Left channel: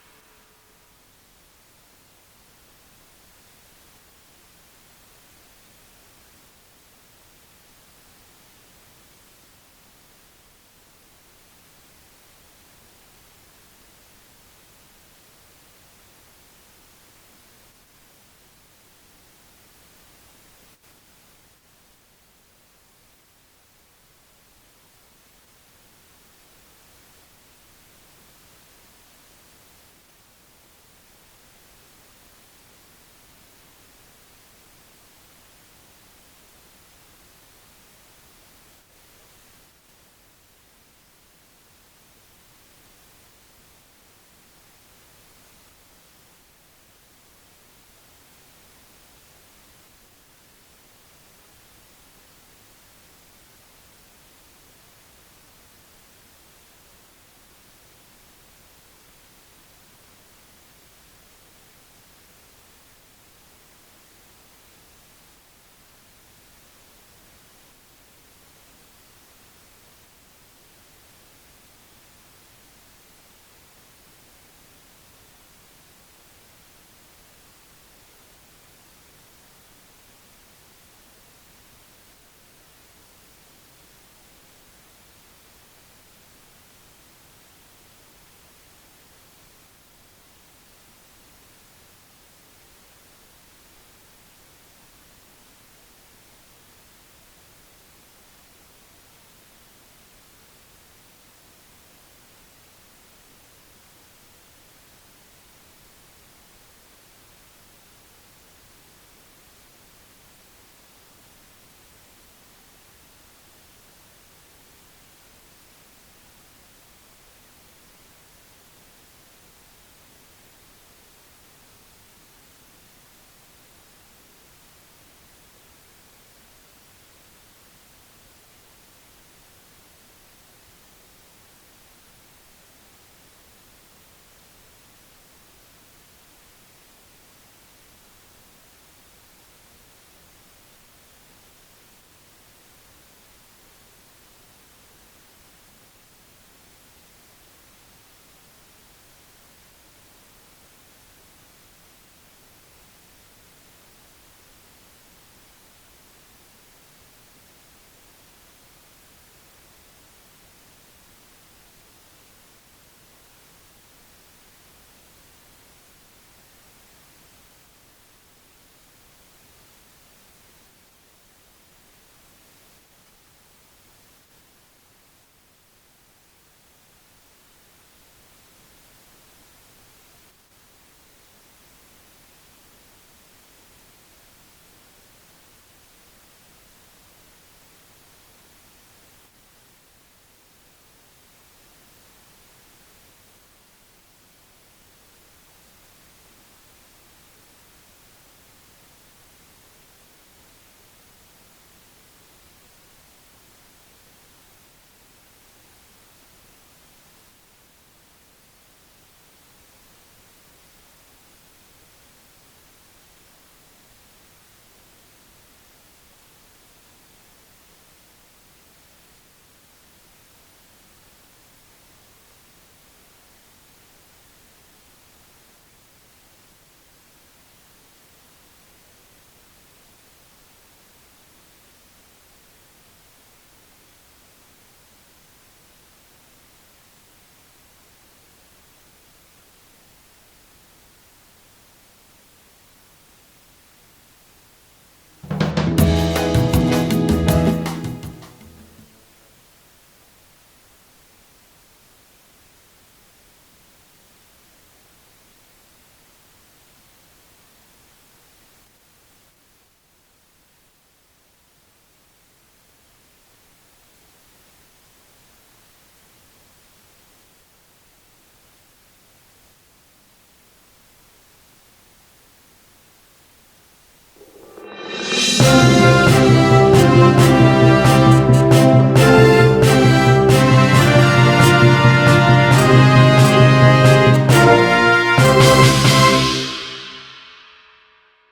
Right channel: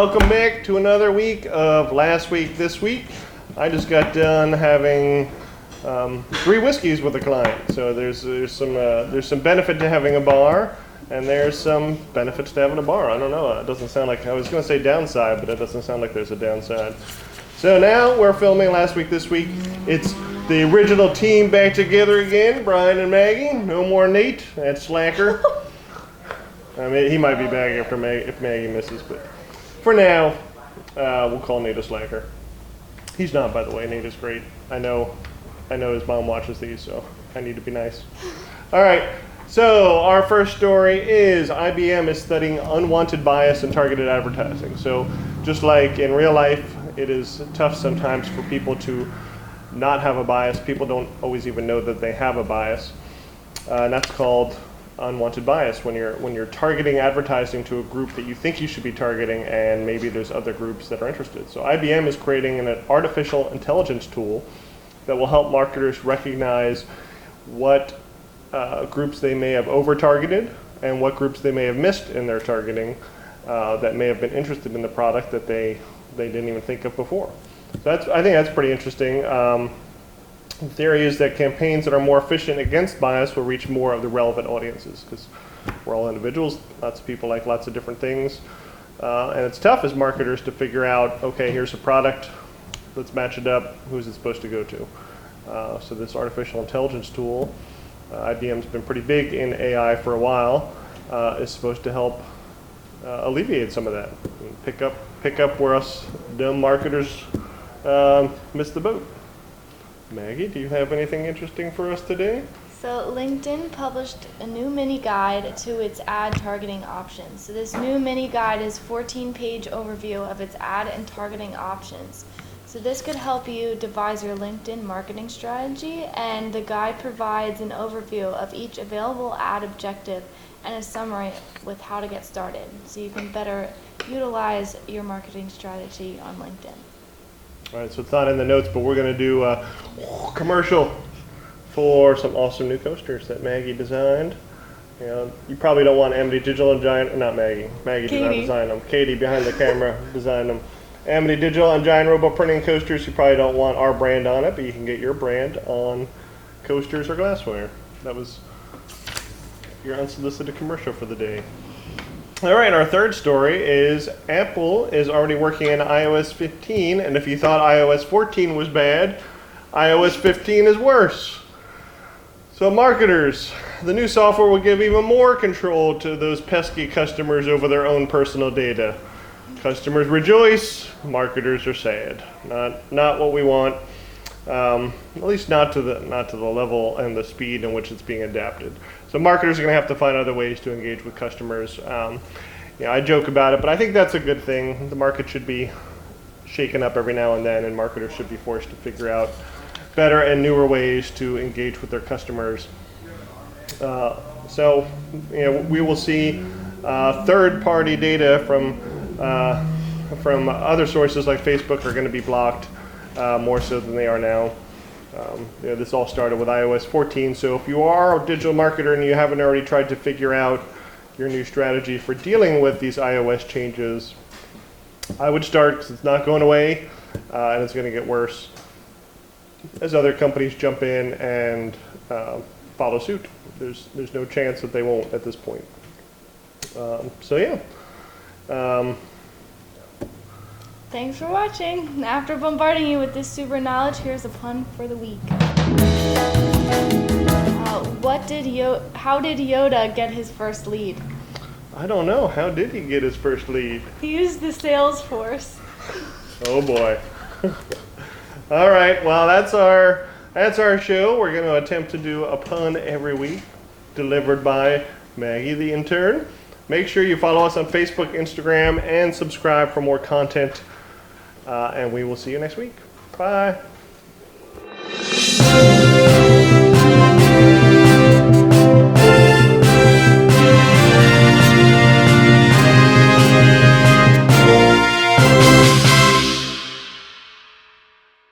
welcome back to another week of Last Week This Week. I just got done having 3 whiskeys with a client, so there's some benefit to having a bar, and there's some benefits to having a bar. I don't know. It doesn't sound like, I was going to say downside, but it doesn't sound like there's a downside. So now we're filming Last Week This Week. It's the original team back together again, Brian and Maggie. No more Nate, that slacker. I mean, he might be back after if Maggie misses, but for now, we'll call Nate a slacker. He's not, by the way. Nate is great. I know his mom watches these, so I need to be nice. All right, so our first story is IBM is studying unwanted bias in targeted advertising. So just like in real life, it is tough sometimes for people to not have a bias. People don't always even know that they have a bias, and that's called unwanted bias, when you're targeting advertising to a group that you think you should be targeting, and maybe there's other groups that are interested. So IBM is creating an artificial intelligence tool that will help marketers recognize what groups they may have over-targeted and what groups they may have missed in their targeting that may have been interested in the product that they didn't even think of before. So I think that's pretty interesting. The theory is that campaigns that are more efficient against bias will reach more of the relevant audiences, because we're all individuals, lots of people like lots of different things. And it's tough as marketers to figure out, okay, here's a product, let's match it up, who's it supposed to go to? So this artificial intelligence tool, IBM's been pretty big in AI for a while, is supposed to help alleviate some of that. Pick up where us dumb marketers missed the boat. Maggie, do you have anything interesting for us today? So LinkedIn published a new mini guide to its ad targeting options. So this new mini guide is a 14-page overview of its ad and targeting options. So this could help you devise your LinkedIn marketing strategy, and the guide provides an overview of each available ad objective and a summary with how to get started, so you can better utilize your marketing strategy on LinkedIn. All right, so it's not in the notes, but we're going to do a commercial for some awesome new coasters that Maggie designed. You know, you probably don't want Amity Digital and Giant, not Maggie. Maggie did not design them. Katie behind the camera designed them. Amity Digital and Giant Robo Printing coasters, you probably don't want our brand on it, but you can get your brand on coasters or glassware. That was your unsolicited commercial for the day. All right, our third story is Apple is already working in iOS 15, and if you thought iOS 14 was bad, iOS 15 is worse. So marketers, the new software will give even more control to those pesky customers over their own personal data. Customers rejoice, marketers are sad. Not what we want, at least not to the level and the speed in which it's being adapted. So marketers are going to have to find other ways to engage with customers. I joke about it, but I think that's a good thing. The market should be shaken up every now and then, and marketers should be forced to figure out better and newer ways to engage with their customers. So we will see third-party data from other sources like Facebook are going to be blocked more so than they are now. This all started with iOS 14, so if you are a digital marketer and you haven't already tried to figure out your new strategy for dealing with these iOS changes, I would start, because it's not going away, and it's going to get worse as other companies jump in and follow suit. There's no chance that they won't at this point. Thanks for watching. After bombarding you with this super knowledge, here's a pun for the week. How did Yoda get his first lead? I don't know. How did he get his first lead? He used the Salesforce. Oh boy. All right. Well, that's our show. We're going to attempt to do a pun every week, delivered by Maggie the intern. Make sure you follow us on Facebook, Instagram, and subscribe for more content. And we will see you next week. Bye.